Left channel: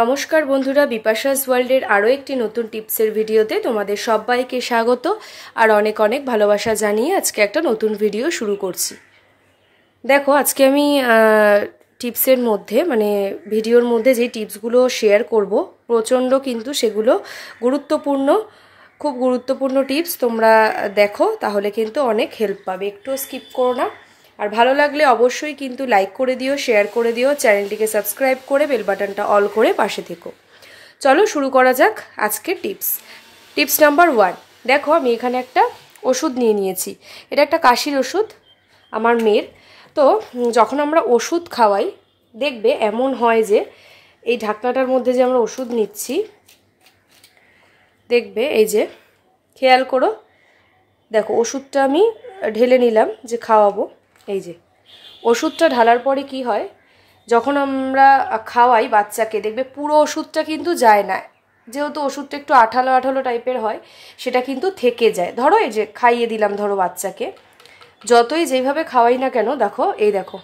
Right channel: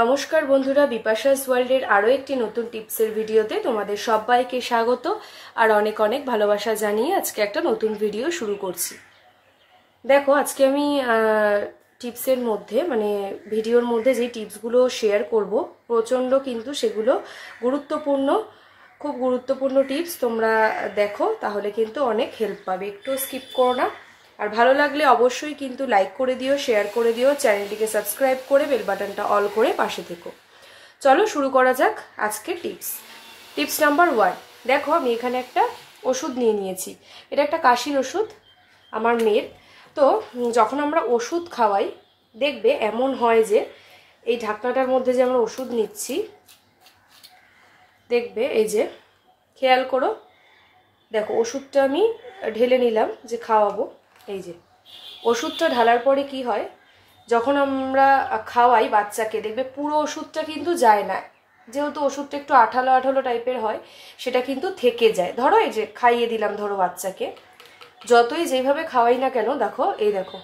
নমস্কার বন্ধুরা, বিপাশাস ওয়ার্ল্ডের আরও একটি নতুন টিপসের ভিডিওতে তোমাদের সবাইকে স্বাগত আর অনেক অনেক ভালোবাসা জানিয়ে আজকে একটা নতুন ভিডিও শুরু করছি। দেখো, আজকে আমি টিপসের মধ্যে ভিডিওর মধ্যে যে টিপসগুলো শেয়ার করব প্রচণ্ড কিন্তু সেগুলো গুরুত্বপূর্ণ, খুব গুরুত্বপূর্ণ টিপস। তোমরা দেখো, তাহলে কিন্তু অনেক হেল্প পাবে, একটু স্কিপ করো না। আর ভালো লাগলে অবশ্যই কিন্তু লাইক করে দিও, শেয়ার করে দিও, চ্যানেলটিকে সাবস্ক্রাইব করে বেল বাটনটা অল করে পাশে থেকো। চলো শুরু করা যাক আজকের টিপস নাম্বার 1। দেখো, আমি এখানে একটা ওষুধ নিয়ে নিয়েছি। এটা একটা কাশির ওষুধ আমার মেয়ের। তো যখন আমরা ওষুধ খাওয়াই দেখবে এমন হয় যে এই ঢাকনাটার মধ্যে যে আমরা ওষুধ নিচ্ছি, দেখবে এই যে খেয়াল করো, দেখো ওষুধটা আমি ঢেলে নিলাম যে খাওয়াবো। এই যে ওষুধটা ঢালার পরে কি হয়, যখন আমরা খাওয়াই বাচ্চাকে দেখবে পুরো ওষুধটা কিন্তু যায় না, যেহেতু ওষুধটা একটু আঠালো আঠালো টাইপের হয়, সেটা কিন্তু থেকে যায়। ধরো এই যে খাইয়ে দিলাম, ধরো বাচ্চাকে যতই যেভাবে খাওয়াই না কেন, দেখো এই দেখো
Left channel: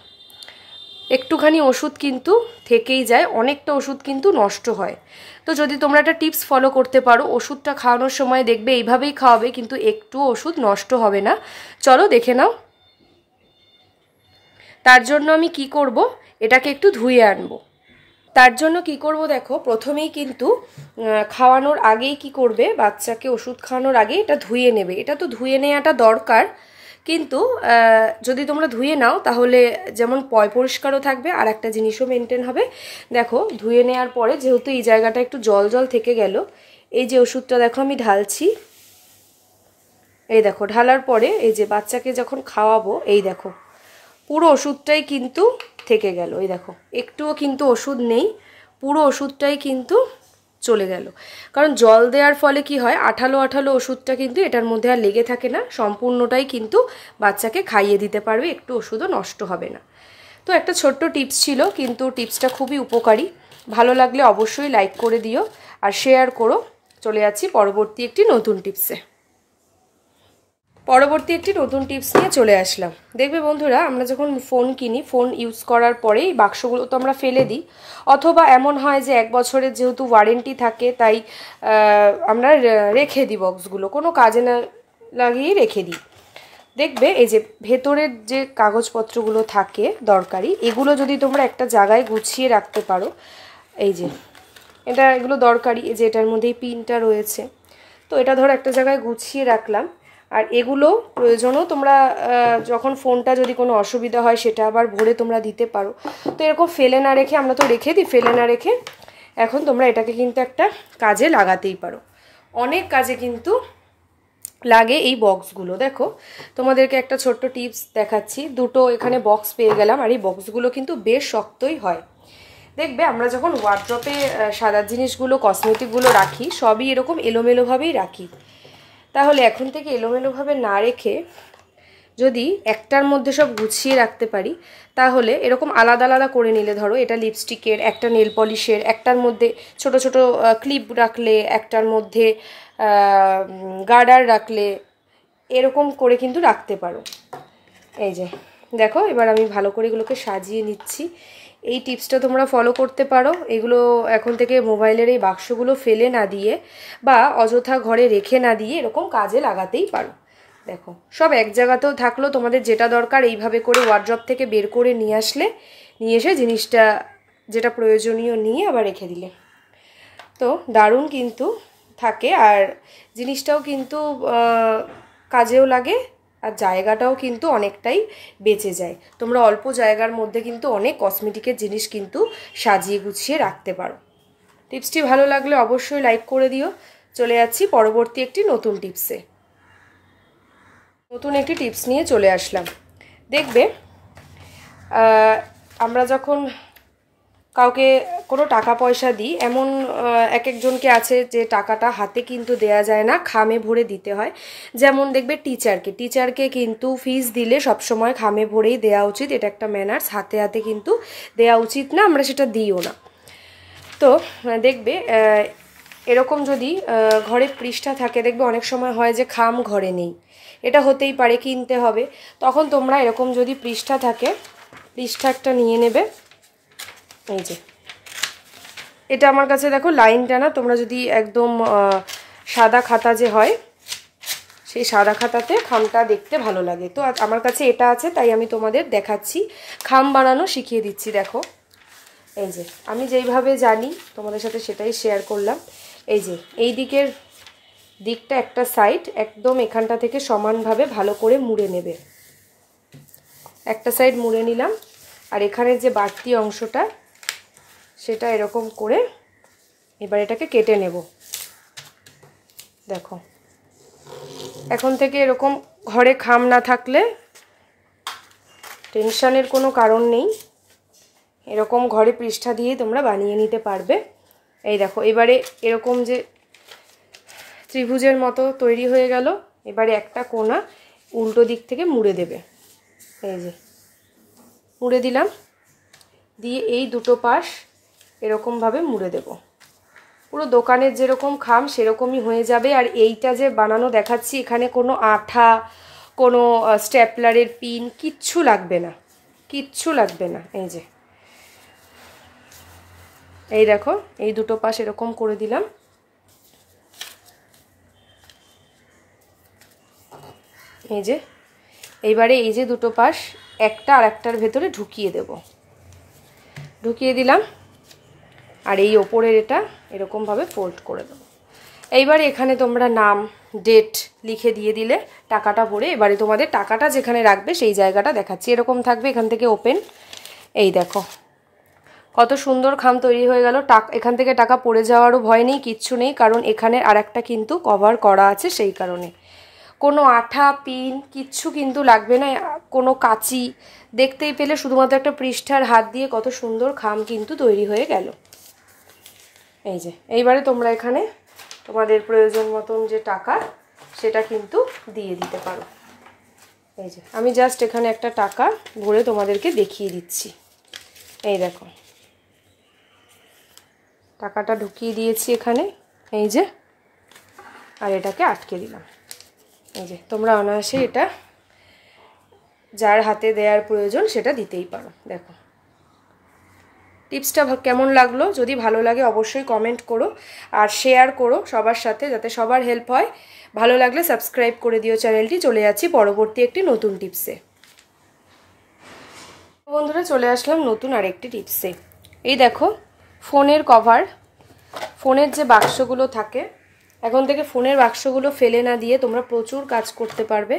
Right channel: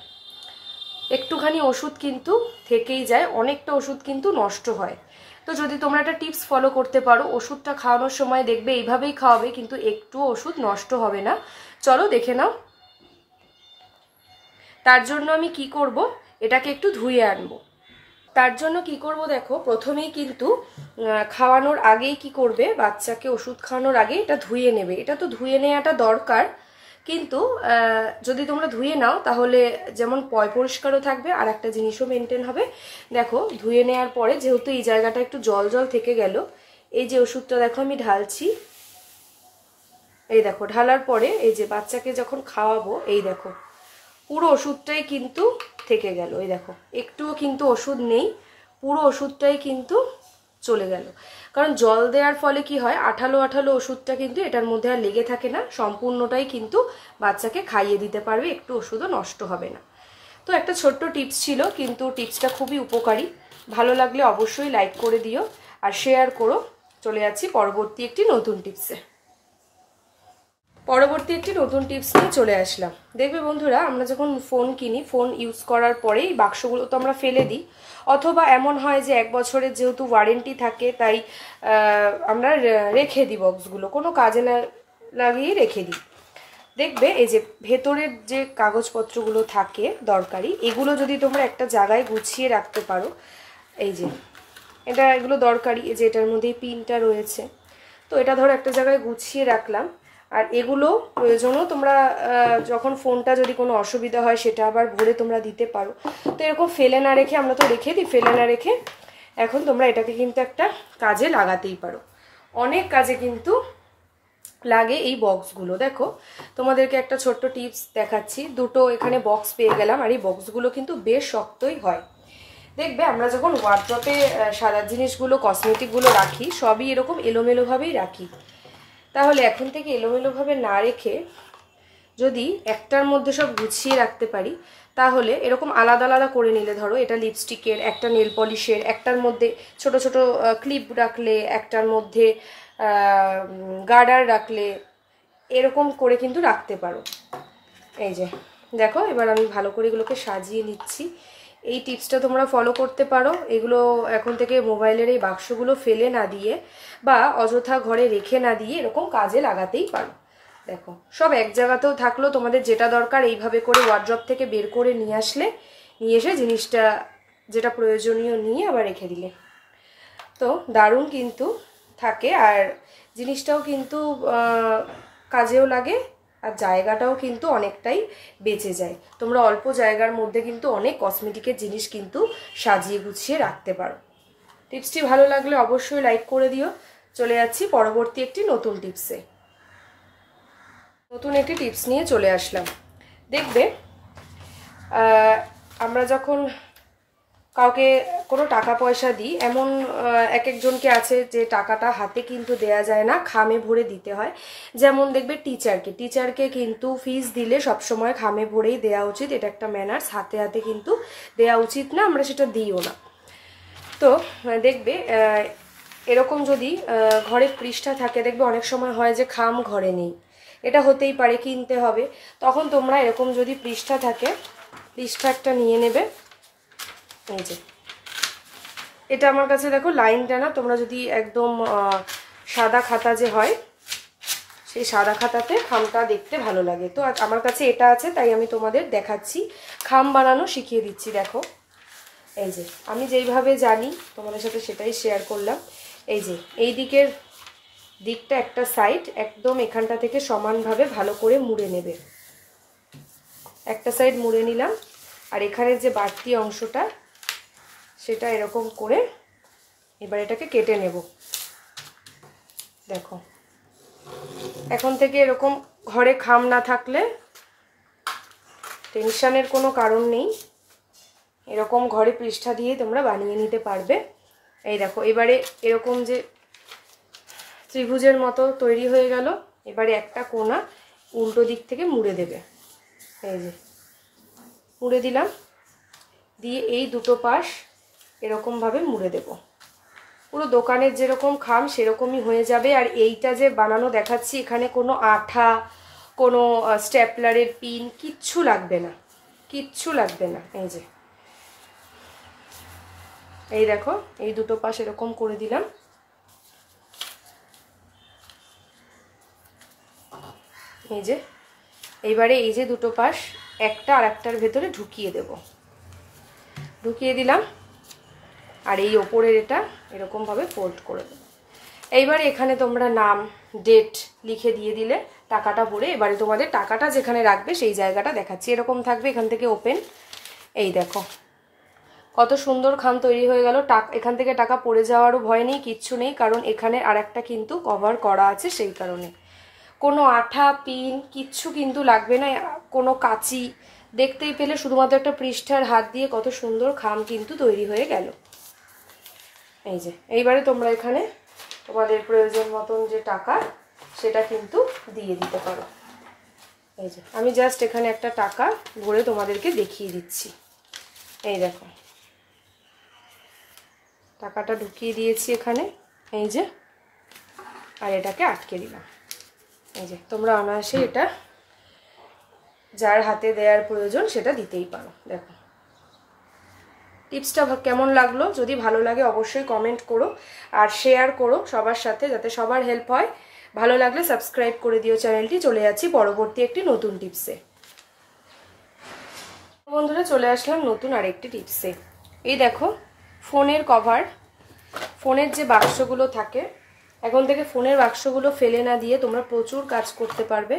একটুখানি ওষুধ কিন্তু থেকেই যায়, অনেকটা ওষুধ কিন্তু নষ্ট হয়। তো যদি তোমরা একটা টিপস ফলো করতে পারো, ওষুধটা খাওয়ানোর সময় দেখবে এইভাবেই খাওয়াবে, কিন্তু একটু ওষুধ নষ্ট হবে না। চলো দেখে নাও। তার জন্য আমি কি করব, এটাকে একটু ধুয়ে আনবো। তার জন্য কি করব, দেখো প্রথমেই কিন্তু খাওয়ানোর আগেই কি করবে, বাচ্চাকে ওষুধ খাওয়ানোর আগেই এটা ধুয়ে নেবে। এটা তো ধুয়ে নেওয়াটা দরকার, কিন্তু যদি তোমরা ধুয়ে নাও তাহলে যেমন পরিষ্কারও থাকবে আর একটা জিনিসও মেনটেন হবে। দেখো ধুয়ে নেওয়ার পরে যেহেতু এই জায়গাটা একটু জল জল থেকে গেল, এই যে ওষুধটা দেখো আমি ঢালছি, এই দেখো ঢালার পরে এই যে বাচ্চাকে যখন খাওয়াবো, এই দেখো পুরো ওষুধটাই কিন্তু থেকে গেল। এই দেখো একটুও কিন্তু ওষুধ নেই, পুরো ওষুধটাই কিন্তু চলে গেল। কারণ জল দেওয়ার ফলে কি হয়, আঠালো আঠালো ওষুধটা কিন্তু এটার মধ্যে আর লেগে থাকে না, সম্পূর্ণটাই কিন্তু বাচ্চাকে খাইয়ে দিতে পারবে, একটু ওষুধও নষ্ট হবে না। তো একটা ছোট্ট টিপস ছিল, কিন্তু টিপসটা খুবই উপকারী। ভালো লাগলে অবশ্যই লাইক করে দিও আর শেয়ার করো। চলে যাচ্ছি পরবর্তী একটি নতুন টিপস নিয়ে চলে আসলাম। দেখবে বন্ধুরা, আমরা যখন ফোন কিনি, ফোন ইউজ করার পরেই বাক্সগুলো তো আমরা ফেলে দিই, অথবা এমন হয় যে 1 বছরের যেহেতু ওয়ারেন্টি থাকে তাই আমরা রেখে দিই বক্সগুলো, কোনো কাজে না লাগিয়ে রেখে দিই। দেখবে এই যে ভেতরের যে কাগজপত্রগুলো থাকে দরকারি, এগুলো যদি তোমরা একটা জায়গায় গুছিয়ে রাখতে পারো, এই যে এগুলো দরকারি, এই যে এটার মধ্যেই পিনটা রয়েছে, তো এটা ধরো একটা জায়গায় গুছিয়ে রাখলাম। আর এগুলো প্রয়োজনও তোমরা যখন ফোনটা যদি কোনো অসুবিধা হয় সেটা আবার ভরে তোমরা দিতে পারো। তো এরকম ফেলে না রেখে, আমরা তো রেখে দিই, ফেলে না রেখে এখন তোমরা এটাকে কিন্তু একটা কাজে লাগাতেই পারো। অনেক কাজে কিন্তু লাগে এই বক্সগুলো। দেখো তোমাদেরকে একটা ছোট্ট টিপস দেখাচ্ছি। দুটো এখানে বক্স পেয়ে গেলাম, আর এই বক্সগুলো কিন্তু বেশ শক্তই হয়। দেখবে আমরা যখন ওয়ার্ড্রপে সাদা জিনিসগুলো, কসমেটিকগুলো রাখি, সবই এরকম এলোমেলোভাবেই রাখি। তাহলে এখন থেকে এলোমেলোভাবে না রেখে যদি একটার মধ্যে সব গুছিয়ে রাখতে পারি, তাহলে এরকম আলাদা আলাদা করে নিলে, ধরো এটা লিপস্টিকের, একটা নেল পলিশের, একটার মধ্যে ছোট ছোট ক্লিপ রাখলে, একটার মধ্যে গার্ডার রাখলে, এরকম করে কিন্তু রাখতে পারো। এই যে দেখো, এবার আমি ভালো করে এগুলোকে সাজিয়ে নিচ্ছি। এই টিপসটা তোমরা ফলো করতে পারো। এগুলো এখন থেকে মোবাইলের এই বাক্সগুলো ফেলে না দিয়ে বা অযথা ঘরে রেখে না দিয়ে এরকম কাজে লাগাতেই পারো। দেখো সব এক জায়গাতেও থাকলো, তোমাদের যেটা দরকার এইভাবে করে ওয়ার্ড্রপ থেকে বের করে নিয়ে এসে জিনিসটা যেটা প্রয়োজনীয় নিয়ে আবার রেখে দিলে তো দারুণ কিন্তু থাকে, আর জিনিসটাও কিন্তু কাজেও লাগে, আর জায়গাটাও কিন্তু অনেকটাই বেঁচে যায়। তোমরা অল্প জায়গার মধ্যে কিন্তু অনেক কসমেটিকের জিনিস কিন্তু সাজিয়ে গুছিয়ে রাখতে পারো। টিপসটি ভালো লাগলে অবশ্যই লাইক করে দিও। চলে যাচ্ছি পরবর্তী একটি নতুন টিপস নিয়ে চলে আসলাম। দেখবে আমরা যখন কাউকে কোনো টাকা পয়সা দিই, এমন এক একজনকে আছে যে টাকাটা হাতে কিন্তু দেয়া যায় না, খামে ভরে দিতে হয়। যেমন দেখবে টিচারকে কিন্তু ফিস দিলে সবসময় খামে ভরেই দেওয়া উচিত, এটা একটা ম্যানার্স। হাতে হাতে কিন্তু দেওয়া উচিত না, আমরা সেটা দিইও না। তো দেখবে এরকম যদি ঘরে পৃষ্ঠা থাকে, দেখবে অনেক সময় হয় যে খাম ঘরে নেই, এটা হতেই পারে, কিনতে হবে। তখন তোমরা এরকম যদি পৃষ্ঠা থাকে, পৃষ্ঠা একটা নিয়ে নেবে, এই যে এটা আমার কাছে দেখো লাইনটা না, তোমরা যদি একদম সাদা খাতা যে হয় সেই সাদা খাতাতে খামটা দেখতে ভালো লাগে। তো আমার কাছে এটা আছে, তাই আমি তোমাদের দেখাচ্ছি, খাম বানানো শিখিয়ে দিচ্ছি। দেখো এই যে আমি যেইভাবে জানি তোমাদের সাথে সেটাই শেয়ার করলাম। এই যে এই দিকটা একটা সাইড একদম এখানটা থেকে সমানভাবে ভালো করে মুড়ে নেবে। একটা সাইড মুড়ে নিলাম, আর এখানে যে বাড়তি অংশটা সেটা এরকম করে এবার এটাকে কেটে নেব। দেখো এখন থেকে এরকম ঘরে খাম না থাকলে টেনশনের কোনো কারণ নেই, এরকম ঘরে পৃষ্ঠা দিয়ে তোমরা বানিয়ে নিতে পারবে। এই দেখো এবারে এরকম যে ত্রিভুজের মতো তৈরি হয়ে গেল, এবারে একটা কোণা উল্টো দিক থেকে মুড়ে দেবে। এই যে মুড়ে দিলাম, দিয়ে এই দুটো পাশ এরকমভাবে মুড়ে দেব। পুরো দোকানের যেরকম খাম সেরকমই হয়ে যাবে। আর এইটা যে বানানো দেখাচ্ছি, এখানে কোনো আঠা, কোনো স্টেপলারের পিন কিচ্ছু লাগবে না, কিচ্ছু লাগবে না। এই যে এই দেখো এই দুটো পাশ এরকম করে দিলাম। এই যে এইবারে এই যে দুটো পাশ একটা আর একটার ভেতরে ঢুকিয়ে দেব, ঢুকিয়ে দিলাম। আর এই ওপরের এটা এরকমভাবে ফোল্ড করে দেবো। এইবারে এখানে তোমরা নাম, ডেট লিখে দিয়ে দিলে টাকাটা ভরে, এবারে তোমাদের টাকাটা যেখানে রাখবে সেই জায়গাটা দেখাচ্ছি। এরকম থাকবে, এখান থেকে ওপেন। এই দেখো কত সুন্দর খাম তৈরি হয়ে গেল। এখান থেকে টাকা পড়ে যাওয়ারও ভয় নেই, কিচ্ছু নেই, কারণ এখানে আর একটা কিন্তু কভার করা আছে, সেই কারণে কোনো আঠা পিন কিচ্ছু কিন্তু লাগবে না, কোনো কাঁচি। দেখতেই পেলে শুধুমাত্র একটা পৃষ্ঠার হাত দিয়ে কত সুন্দর খাম কিন্তু তৈরি হয়ে গেল। এই যে এইবারে তোমরা এখানে তোমাদের প্রয়োজন মতন যে টাকা সেটা কিন্তু দিয়ে দিতে পারো। এই যে আমি জাস্ট এখানে একটা টাকা ভরে তোমাদেরকে দেখিয়ে দিচ্ছি। এই দেখো টাকাটা ঢুকিয়ে দিয়েছি এখানে, এই যে, আর এটাকে আটকে দিলাম। এই যে তোমরা অনায়াসে এটা যার হাতে দেওয়ার প্রয়োজন সেটা দিতেই পারো। দেখো টিপসটা কেমন লাগলো, যদি ভালো লাগে অবশ্যই কমেন্ট করো আর শেয়ার করো সবার সাথে, যাতে সবার হেল্প হয়। ভালো লাগলে সাবস্ক্রাইব করে দিও চ্যানেলটি। চলে যাচ্ছি পরবর্তী একটি নতুন টিপসে। বন্ধুরা চলে আসলাম নতুন আরেকটি টিপসে। এই দেখো ফোনের কভার, ফোনের যে বাক্সগুলো থাকে, এখন থেকে ফোনের বাক্সগুলো ফেলে না দিয়ে তোমরা প্রচুর কাজ করতে পারবে।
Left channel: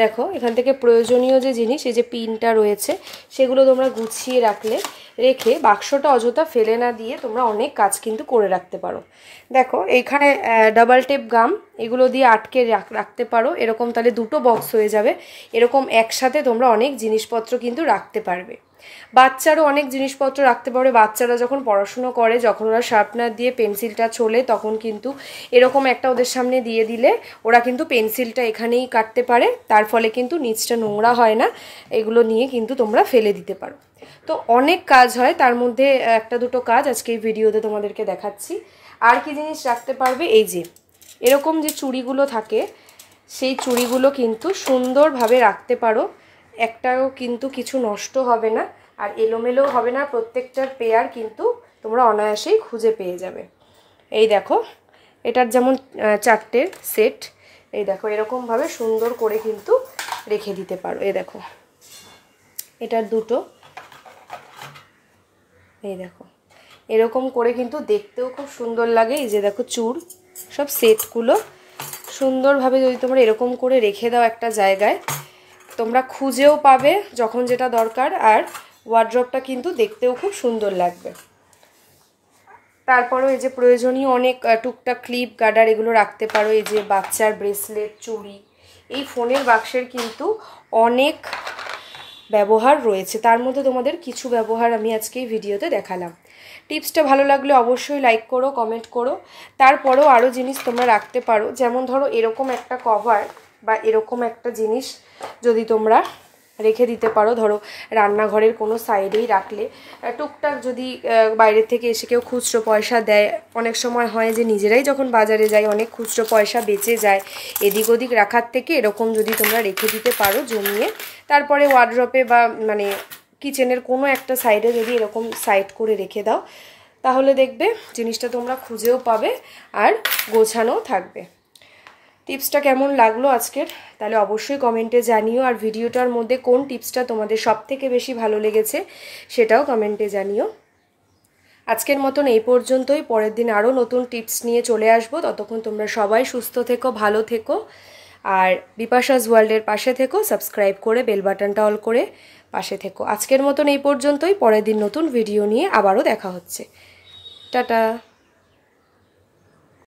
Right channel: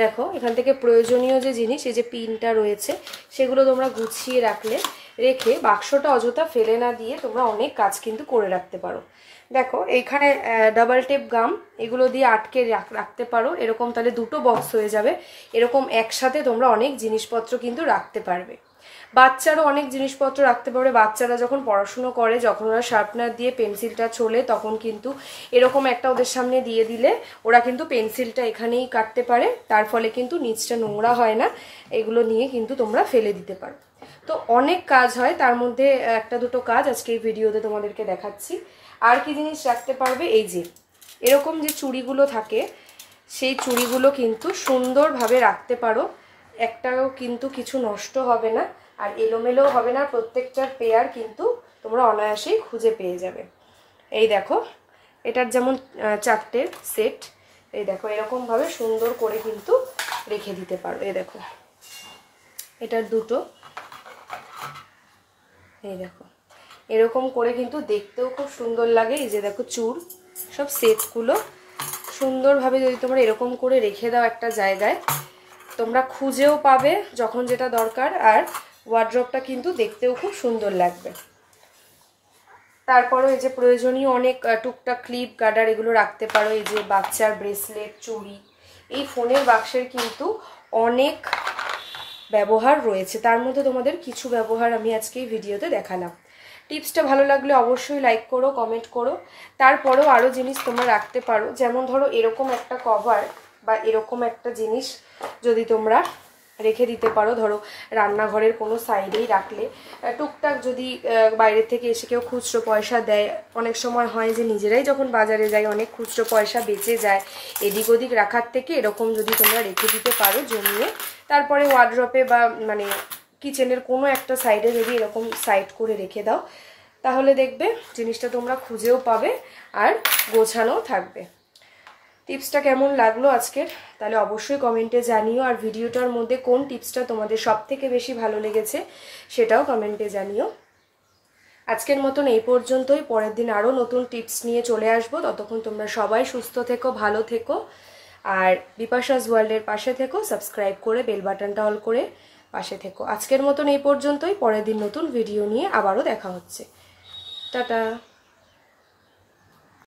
দেখো এখান থেকে প্রয়োজনীয় যে জিনিস, এই যে পিনটা রয়েছে, সেগুলো তোমরা গুছিয়ে রেখে বাক্সটা অযথা ফেলে না দিয়ে তোমরা অনেক কাজ কিন্তু করে রাখতে পারো। দেখো এইখানে ডাবল টেপ গাম, এগুলো দিয়ে আটকে রাখতে পারো, এরকম তাহলে দুটো বক্স হয়ে যাবে। এরকম একসাথে তোমরা অনেক জিনিসপত্র কিন্তু রাখতে পারবে। বাচ্চারও অনেক জিনিসপত্র রাখতে পারবে। বাচ্চারা যখন পড়াশুনো করে, যখন ওরা শার্পনার দিয়ে পেন্সিলটা ছোলে, তখন কিন্তু এরকম একটা ওদের সামনে দিয়ে দিলে ওরা কিন্তু পেন্সিলটা এখানেই কাটতে পারে, তার ফলে কিন্তু নিচটা নোংরা হয় না। এগুলো নিয়ে কিন্তু তোমরা ফেলে দিতে পারো। তো অনেক কাজ হয়, তার মধ্যে একটা দুটো কাজ আজকে এই ভিডিওতে তোমাদেরকে দেখাচ্ছি। আর কি জিনিস রাখতে পারবে, এই যে এরকম যে চুড়িগুলো থাকে, সেই চুড়িগুলো কিন্তু সুন্দরভাবে রাখতে পারো। একটাও কিন্তু কিছু নষ্ট হবে না, আর এলোমেলো হবে না। প্রত্যেকটার পেয়ার কিন্তু তোমরা অনায়াসেই খুঁজে পেয়ে যাবে। এই দেখো এটার যেমন 4টে সেট, এই দেখো এরকমভাবে সুন্দর করে কিন্তু রেখে দিতে পারো। এই দেখো এটার দুটো, এই দেখো এরকম করে কিন্তু দেখতেও খুব সুন্দর লাগে। এই যে দেখো চুর সব সেটগুলো সুন্দরভাবে যদি তোমরা এরকম করে রেখে দাও একটা জায়গায়, তোমরা খুঁজেও পাবে যখন যেটা দরকার, আর ওয়ার্ড্রপটা কিন্তু দেখতেও খুব সুন্দর লাগবে। তারপরেও এই যে প্রয়োজনীয় অনেক টুকটাক ক্লিপ, গার্ডার এগুলো রাখতে পারো। এই যে বাচ্চার ব্রেসলেট, চুড়ি, এই ফোনের বাক্সের কিন্তু অনেক ব্যবহার রয়েছে, তার মধ্যে তোমাদের কিছু ব্যবহার আমি আজকে এই ভিডিওতে দেখালাম। টিপসটা ভালো লাগলে অবশ্যই লাইক করো, কমেন্ট করো। তারপরেও আরও জিনিস তোমরা রাখতে পারো, যেমন ধরো এরকম একটা কভার বা এরকম একটা জিনিস যদি তোমরা রেখে দিতে পারো, ধরো রান্নাঘরের কোনো সাইডেই রাখলে, টুকটাক যদি বাইরে থেকে এসে কেউ খুচরো পয়সা দেয়, অনেক সময় হয় যে নিজেরাই যখন বাজারে যাই অনেক খুচরো পয়সা বেঁচে যায়, এদিক ওদিক রাখার থেকে এরকম যদি তোমরা রেখে দিতে পারো জমিয়ে, তারপরে ওয়ার্ড্রপে বা মানে কিচেনের কোনো একটা সাইডে যদি এরকম সাইড করে রেখে দাও, তাহলে দেখবে জিনিসটা তোমরা খুঁজেও পাবে আর গোছানোও থাকবে। টিপসটা কেমন লাগলো আজকের তাহলে অবশ্যই কমেন্টে জানিও, আর ভিডিওটার মধ্যে কোন টিপসটা তোমাদের সবথেকে বেশি ভালো লেগেছে সেটাও কমেন্টে জানিও। আজকের মতন এই পর্যন্তই, পরের দিন আরও নতুন টিপস নিয়ে চলে আসবো। ততক্ষণ তোমরা সবাই সুস্থ থেকো, ভালো থেকো, আর বিপাশাস ওয়ার্ল্ডের পাশে থেকো, সাবস্ক্রাইব করে বেল বাটনটা অল করে পাশে থেকো। আজকের মতন এই পর্যন্তই, পরের দিন নতুন ভিডিও নিয়ে আবারও দেখা হচ্ছে। টাটা।